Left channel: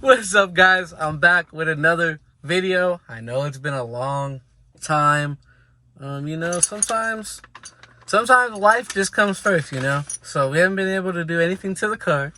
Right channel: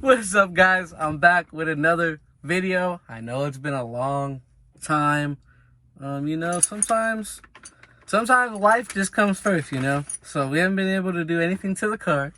What's up, guys? I'm back with another video. I know it's been a long time. Sometimes life just comes first, So we haven't been able to do anything to the car.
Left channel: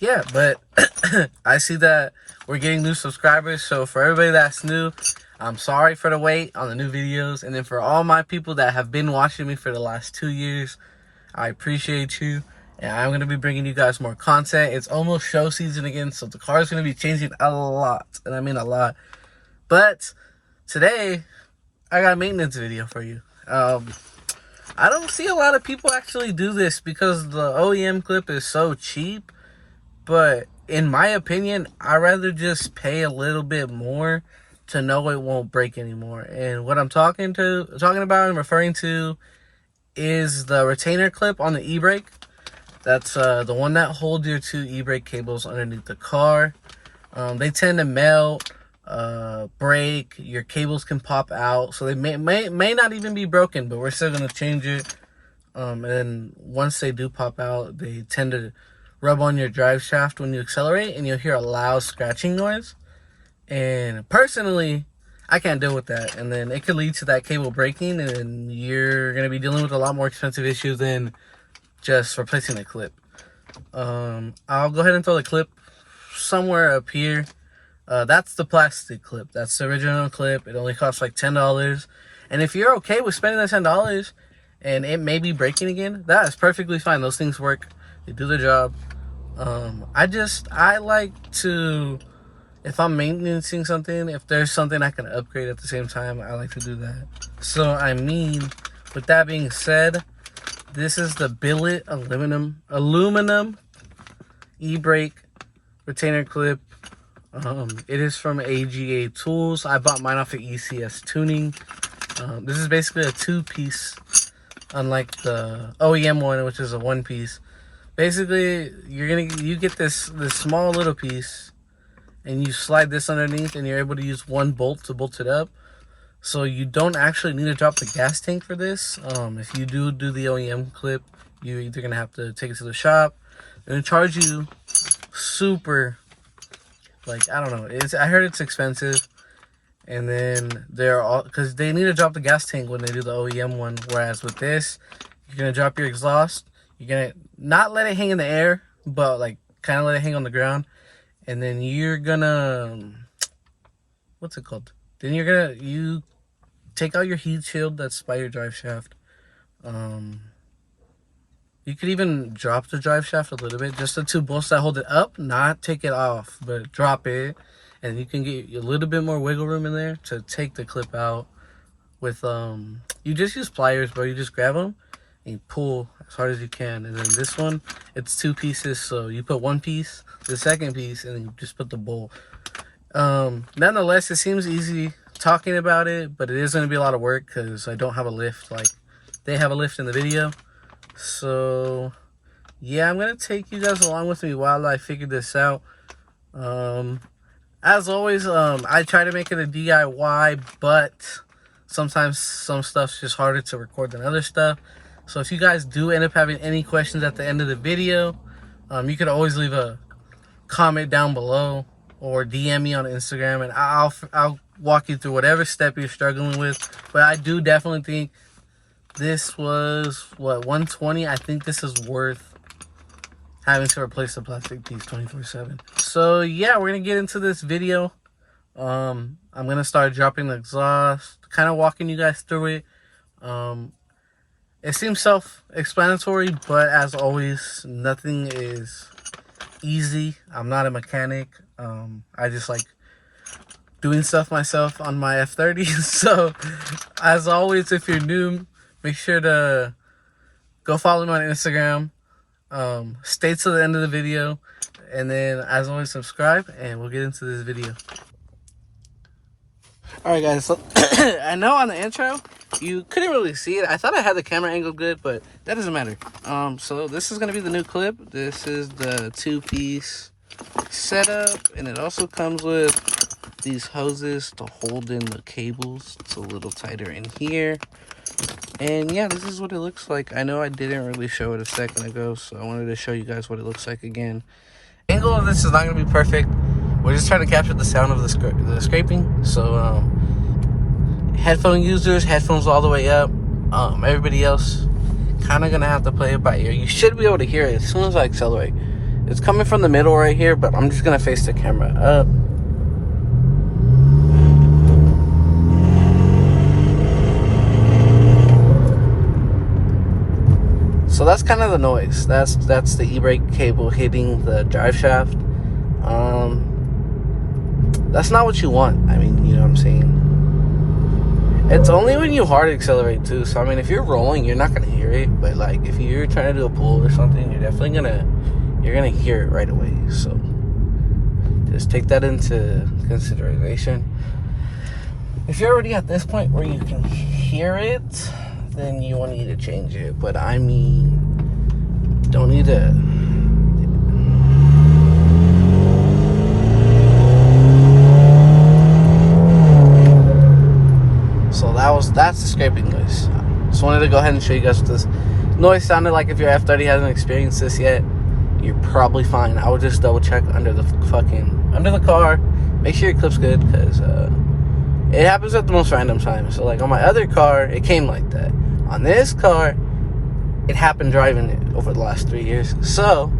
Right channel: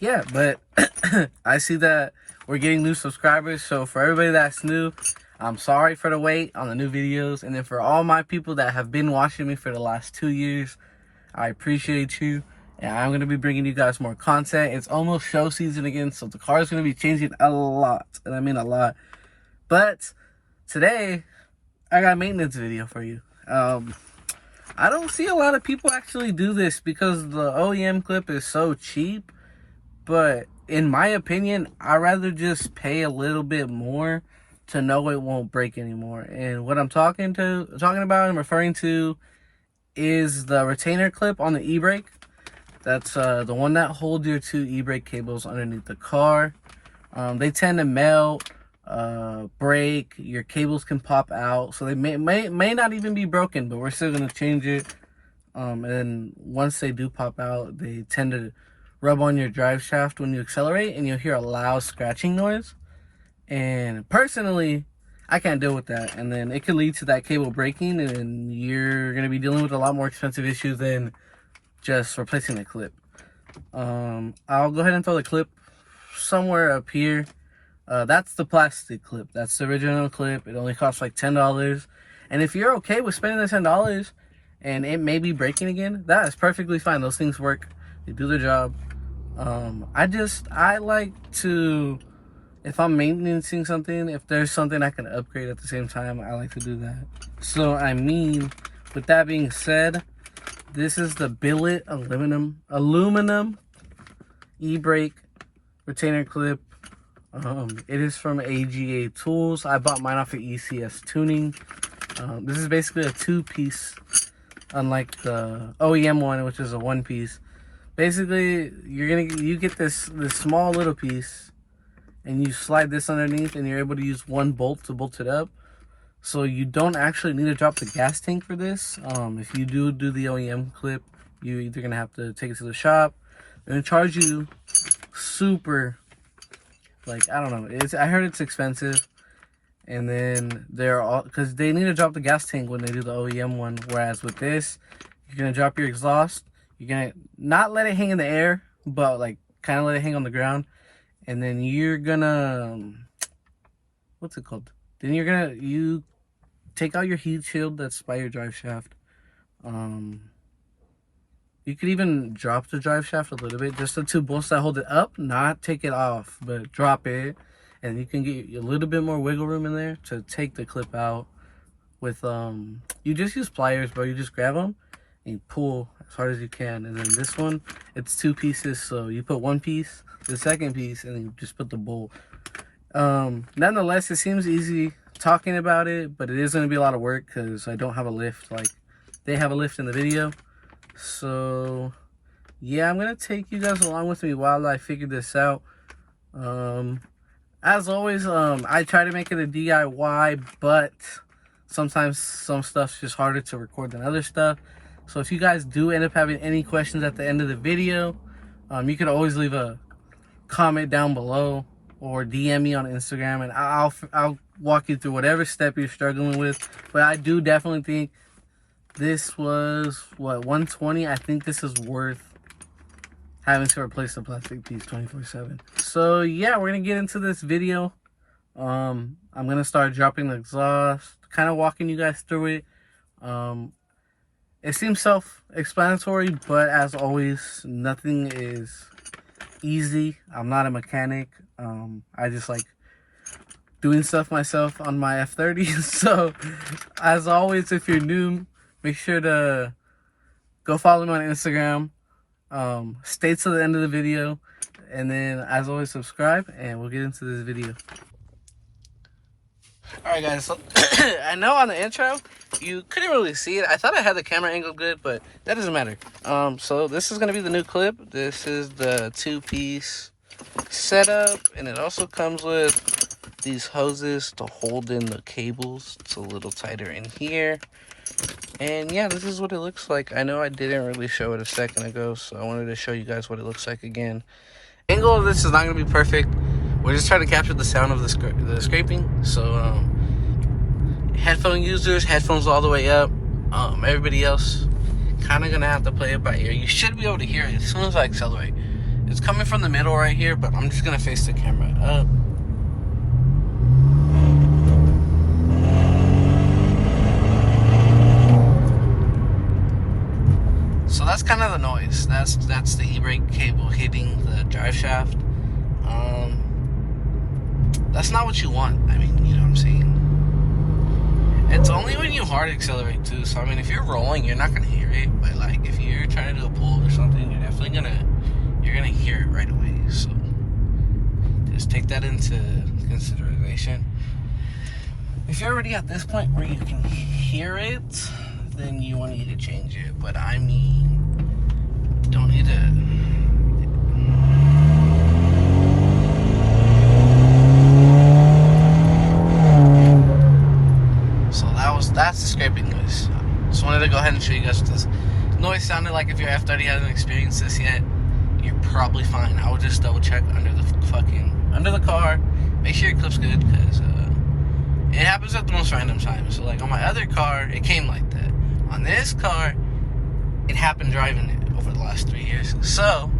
Yeah, but I see that we're getting new subscribers. So for everybody that's new, I'm sorry for the wait on the new videos. And then for all my people that have been watching me for the last 2 years, I appreciate you. And I'm going to be bringing you guys more content. It's almost show season again, so the car is going to be changing a lot. And I mean a lot. But today, I got a maintenance video for you. I don't see a lot of people actually do this because the OEM clip is so cheap. But in my opinion, I'd rather just pay a little bit more to know it won't break anymore. And what I'm talking about and referring to is the retainer clip on the e-brake. That's the one that holds your two e-brake cables underneath the car. They tend to melt, break, your cables can pop out, so they may not even be broken, but we're still going to change it. And then once they do pop out, they tend to rub on your drive shaft when you accelerate, and you'll hear a loud scratching noise. And personally, I can't deal with that, and then it could lead to that cable breaking, and you're going to be dealing with a lot more expensive issues than just replacing the clip. I'll go ahead and throw the clip somewhere up here. That's the plastic clip. That's the original clip. It only costs like $10. And if you're okay with spending the $10 and it may be breaking again, that is perfectly fine. Those things work. They do their job. I like to, if I'm maintaining something, if there's something I can upgrade at the same time, I like to do that. So, with that being said, this is the billet aluminum e-brake retainer clip. It is from AGA Tools. I bought mine off of ECS Tuning. This is basically a two-piece, unlike the OEM one, which is a one-piece. Basically, you get this small little piece, and you slide this underneath, and you're able to use one bolt to bolt it up. So you don't actually need to drop the gas tank for this. If you do the OEM clip, you're either going to have to take it to the shop. They're going to charge you super, like, I don't know. I heard it's expensive. And then because they need to drop the gas tank when they do the OEM one. Whereas with this, you're going to drop your exhaust. You're going to not let it hang in the air, but like kind of let it hang on the ground. And then you're going to, what's it called? Then you take out your heat shield that's by your drive shaft. You could even drop the drive shaft a little bit, just the two bolts that hold it up, not take it off, but drop it, and you can get a little bit more wiggle room in there to take the clip out. With you just use pliers, bro. You just grab them and you pull as hard as you can. And then this one, it's two pieces, so you put one piece, the second piece, and then you just put the bolt. Nonetheless, it seems easy talking about it, but it is going to be a lot of work because I don't have a lift like they have a lift in the video. So yeah, I'm going to take you guys along with me while I figure this out. As always, I try to make it a DIY, but sometimes some stuff's just harder to record than other stuff. So if you guys do end up having any questions at the end of the video, you could always leave a comment down below or DM me on Instagram, and I'll walk you through whatever step you're struggling with. But I do definitely think this was, what, $120? I think this is worth having to replace the plastic piece 24/7. So yeah, we're gonna get into this video. I'm gonna start dropping the exhaust, kind of walking you guys through it. It seems self-explanatory, but as always, nothing is easy. I'm not a mechanic. I just like doing stuff myself on my f30. So as always, if you're new, make sure to go follow me on Instagram. Stay to the end of the video, and then as always, subscribe, and we'll get into this video. Alright guys, so I know on the intro you couldn't really see it. I thought I had the camera angle good, but that doesn't matter. So this is going to be the new clip. This is the two-piece setup, and it also comes with these hoses to hold in the cables. It's a little tighter in here. And yeah, this is what it looks like. I know I didn't really show it a second ago, so I wanted to show you guys what it looks like again. Angle of this is not gonna be perfect. We're just trying to capture the sound of the scraping. So headphone users, headphones all the way up. Everybody else, kind of gonna have to play it by ear. You should be able to hear it as soon as I accelerate. It's coming from the middle right here, but I'm just gonna face the camera up. So that's kind of the noise. That's the e-brake cable hitting the drive shaft. That's not what you want. I mean, you know what I'm saying? It's only when you hard accelerate too. So I mean, if you're rolling, you're not gonna hear it. But like, if you're trying to do a pull or something, you're definitely gonna hear it right away. So just take that into consideration. If you're already at this point where you can hear it, then you won't need to change it. But I mean, don't need to. So that's the scraping noise. Just wanted to go ahead and show you guys what this noise sounded like. If your F30 hasn't experienced this yet, you're probably fine. I would just double check under the car. Make sure your clip's good, because it happens at the most random times. So like on my other car, it came like that. On this car, it happened driving it over the last 3 years. So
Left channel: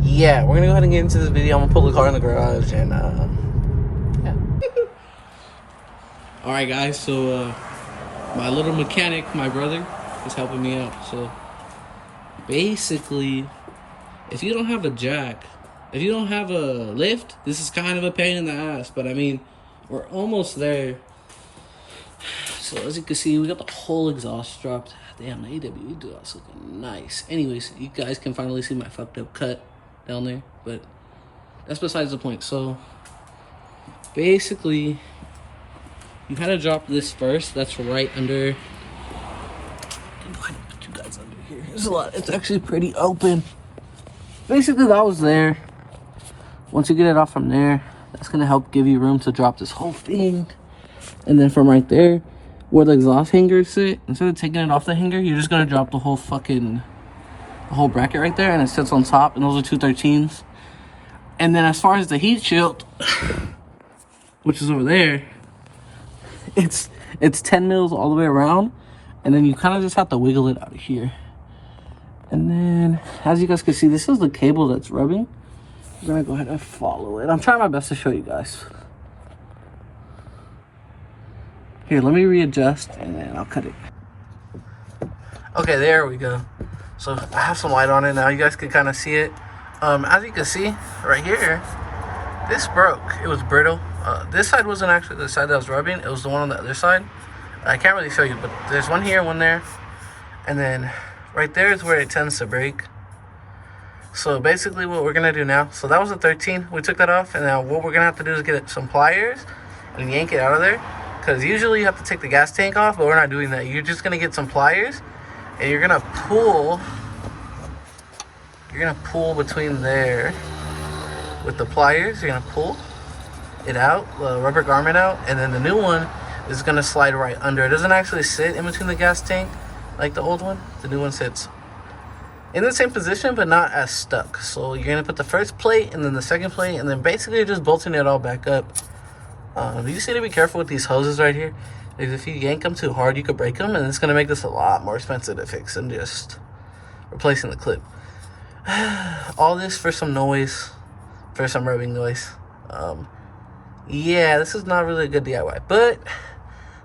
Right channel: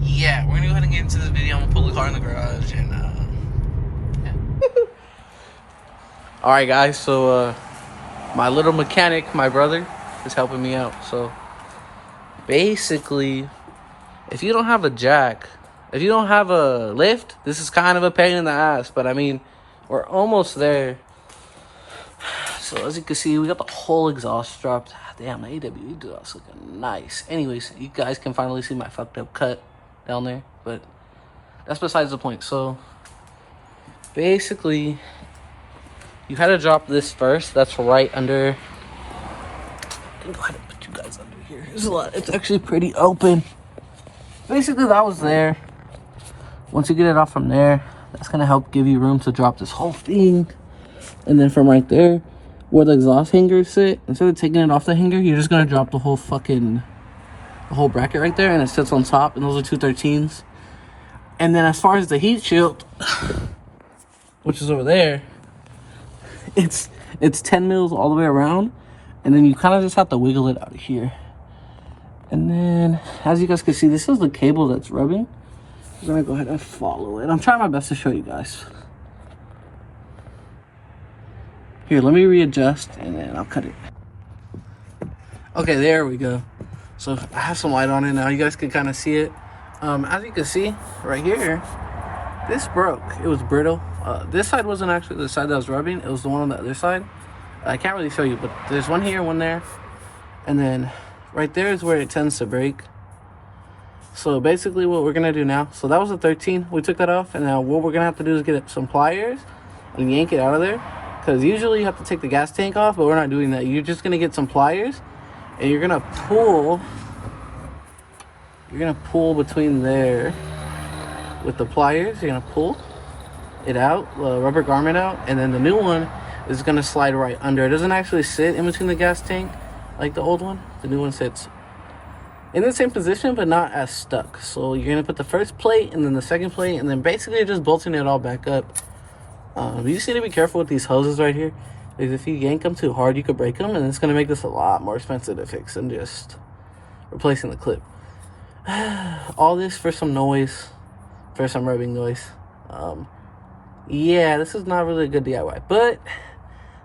yeah, we're gonna go ahead and get into this video. I'm gonna pull the car in the garage and yeah. All right, guys. So my little mechanic, my brother, is helping me out. So basically, if you don't have a jack, if you don't have a lift, this is kind of a pain in the ass. But I mean, we're almost there. So as you can see, we got the whole exhaust dropped. Damn, the AWE exhaust looking nice. Anyways, you guys can finally see my fucked up cut down there, but that's besides the point. So basically, you had to drop this first. That's right under. Go ahead and put you guys under here. There's a lot. It's actually pretty open. Basically, that was there. Once you get it off from there, that's gonna help give you room to drop this whole thing. And then from right there, where the exhaust hangers sit, instead of taking it off the hanger, you're just gonna drop the whole bracket right there, and it sits on top. And those are 213s. And then as far as the heat shield, which is over there, it's 10 mils all the way around, and then you kind of just have to wiggle it out of here. And then, as you guys can see, this is the cable that's rubbing. I'm gonna go ahead and follow it. I'm trying my best to show you guys. Here, let me readjust, and then I'll cut it. Okay, there we go. So I have some light on it now. You guys can kind of see it. As you can see right here, this broke. It was brittle. This side wasn't actually the side that was rubbing. It was the one on the other side. I can't really show you, but there's one here, one there. And then right there is where it tends to break. So basically what we're going to do now, so that was a 13. We took that off. And now what we're going to have to do is get some pliers and yank it out of there. Because usually you have to take the gas tank off, but we're not doing that. You're just going to get some pliers. And you're going to pull. You're going to pull between there with the pliers. You're going to pull it out, the rubber garment out, and then the new one is going to slide right under. It doesn't actually sit in between the gas tank like the old one. The new one sits in the same position, but not as stuck. So you're going to put the first plate and then the second plate, and then basically just bolting it all back up. You just need to be careful with these hoses right here, because if you yank them too hard, you could break them, and it's going to make this a lot more expensive to fix than just replacing the clip. All this for some noise, for some rubbing noise. Yeah, this is not really a good DIY, but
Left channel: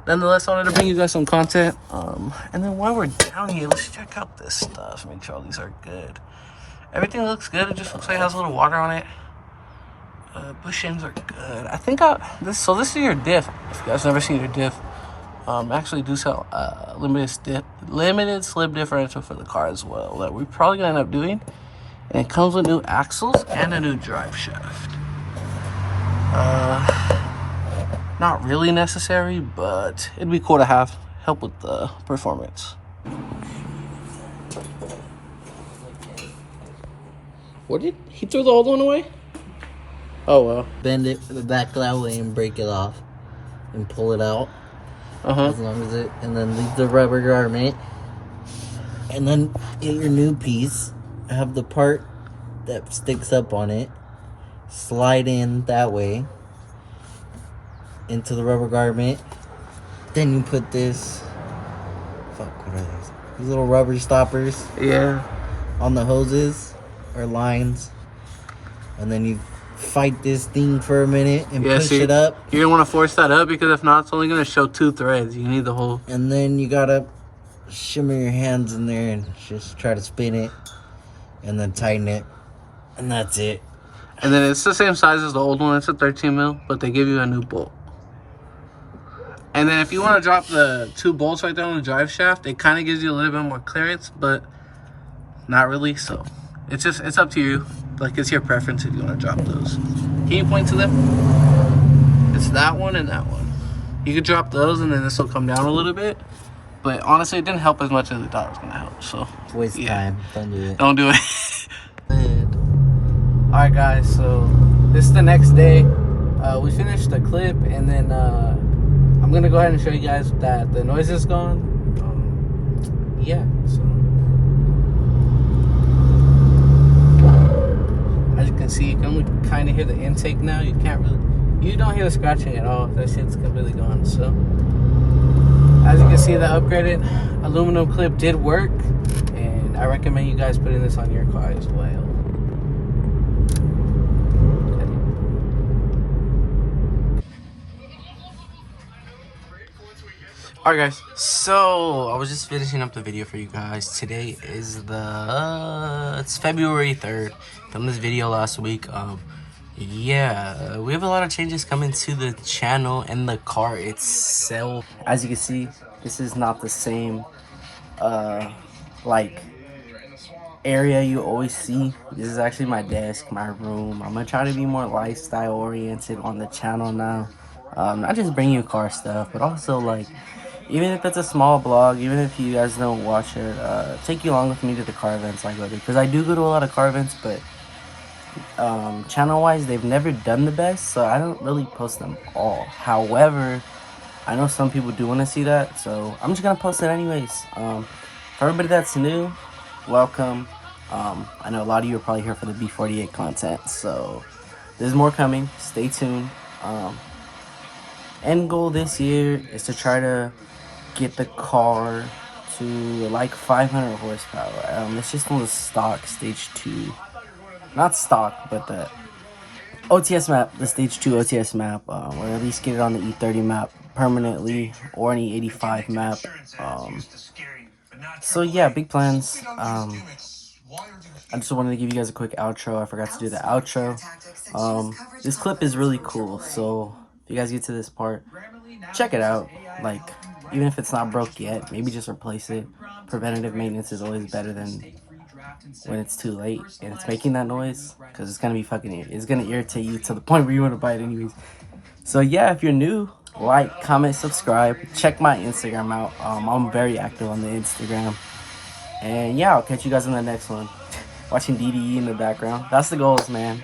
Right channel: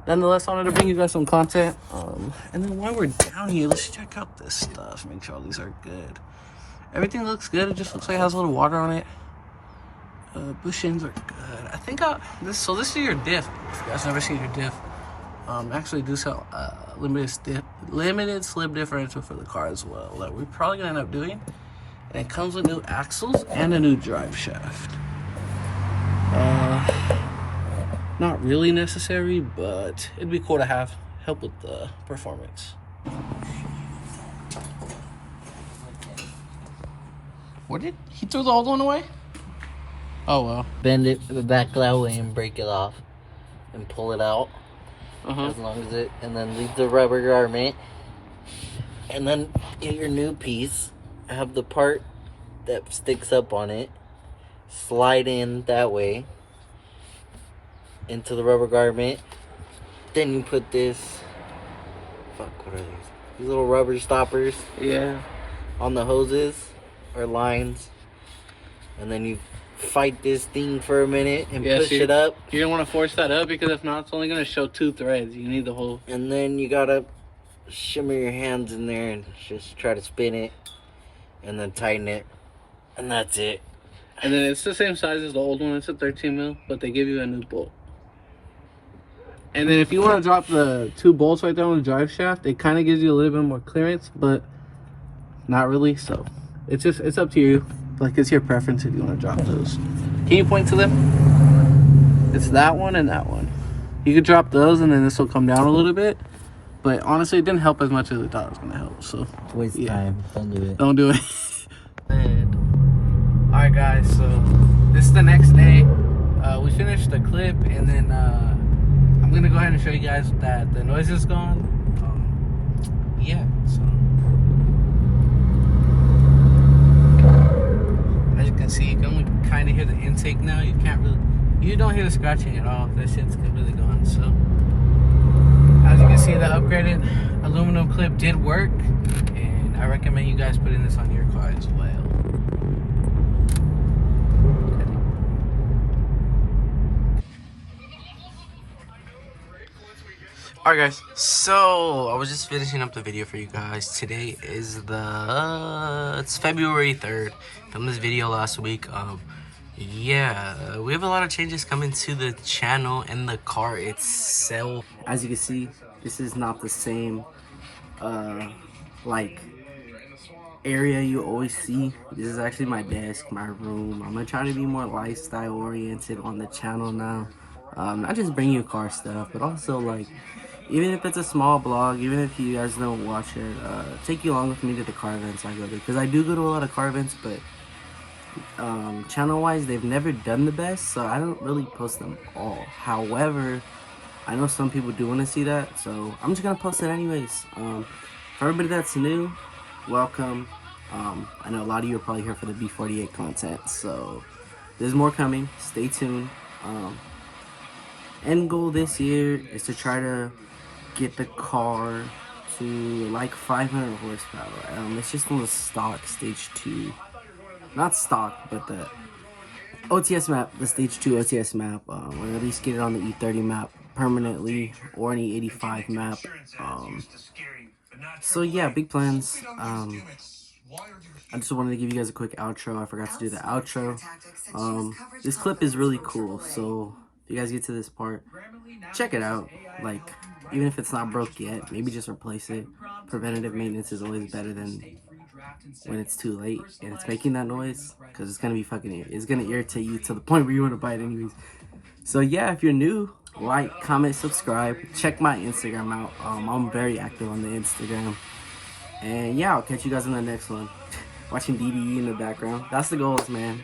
nonetheless, I wanted to bring you guys some content. And then while we're down here, let's check out this stuff, make sure all these are good. Everything looks good. It just looks like it has a little water on it. Bush ends are good. I think this is your diff. If you guys never seen your diff, actually do sell limited slip differential for the car as well, that we're probably gonna end up doing. And it comes with new axles and a new drive shaft. Not really necessary, but it'd be cool to have. Help with the performance. What did he throw the old one away? Oh well. Bend it the back that way and break it off and pull it out. As long as it, and then leave the rubber garment, and then get your new piece. Have the part that sticks up on it. Slide in that way into the rubber garment. Then you put this, what are these? These little rubber stoppers. Yeah. On the hoses or lines. And then you fight this thing for a minute and push it up. You don't want to force that up because if not, it's only going to show 2 threads. You need the whole. And then you gotta shimmer your hands in there and just try to spin it and then tighten it. And that's it. And then it's the same size as the old one. It's a 13 mil, but they give you a new bolt. And then if you want to drop the 2 bolts right there on the drive shaft, it kind of gives you a little bit more clearance, but not really. So it's up to you. Like, it's your preference if you want to drop those. Can you point to them? It's that one and that one. You could drop those and then this will come down a little bit. But honestly, it didn't help as much as we thought it was going to help. So it's waste of time. Don't do it. Don't do it. Alright guys, so this is the next day. We finished the clip and then I'm going to go ahead and show you guys that the noise is gone. Yeah, so as you can see, you can kind of hear the intake now. You don't hear the scratching at all. That shit's completely gone. So as you can see, the upgraded aluminum clip did work, and I recommend you guys putting this on your car as well. Alright guys, so I was just finishing up the video for you guys. Today is it's February 3rd. Filmed this video last week. Yeah, we have a lot of changes coming to the channel and the car itself. As you can see, this is not the same like area you always see. This is actually my desk, my room. I'm gonna try to be more lifestyle oriented on the channel now. Not just bring you car stuff, but also like, even if it's a small blog, even if you guys don't watch it, take you along with me to the car events I go to. Because I do go to a lot of car events, but channel-wise, they've never done the best, so I don't really post them all. However, I know some people do want to see that, so I'm just going to post it anyways. For everybody that's new, welcome. I know a lot of you are probably here for the B48 content, so there's more coming. Stay tuned. End goal this year is to try to get the car to like 500 horsepower. It's just on the stock stage 2, not stock, but the OTS map, the stage 2 OTS map, or at least get it on the E30 map permanently, or any 85 map. So yeah, big plans. I just wanted to give you guys a quick outro. I forgot to do the outro. This clip is really cool, so if you guys get to this part, check it out. Like, even if it's not broke yet, maybe just replace it. Preventative maintenance is always better than when it's too late and it's making that noise, because it's gonna be it's gonna irritate you to the point where you want to buy it anyways. So yeah, if you're new, like, comment, subscribe, check my Instagram out. I'm very active on the Instagram, and yeah, I'll catch you guys in the next one. Watching DDE in the background. That's the goals, man.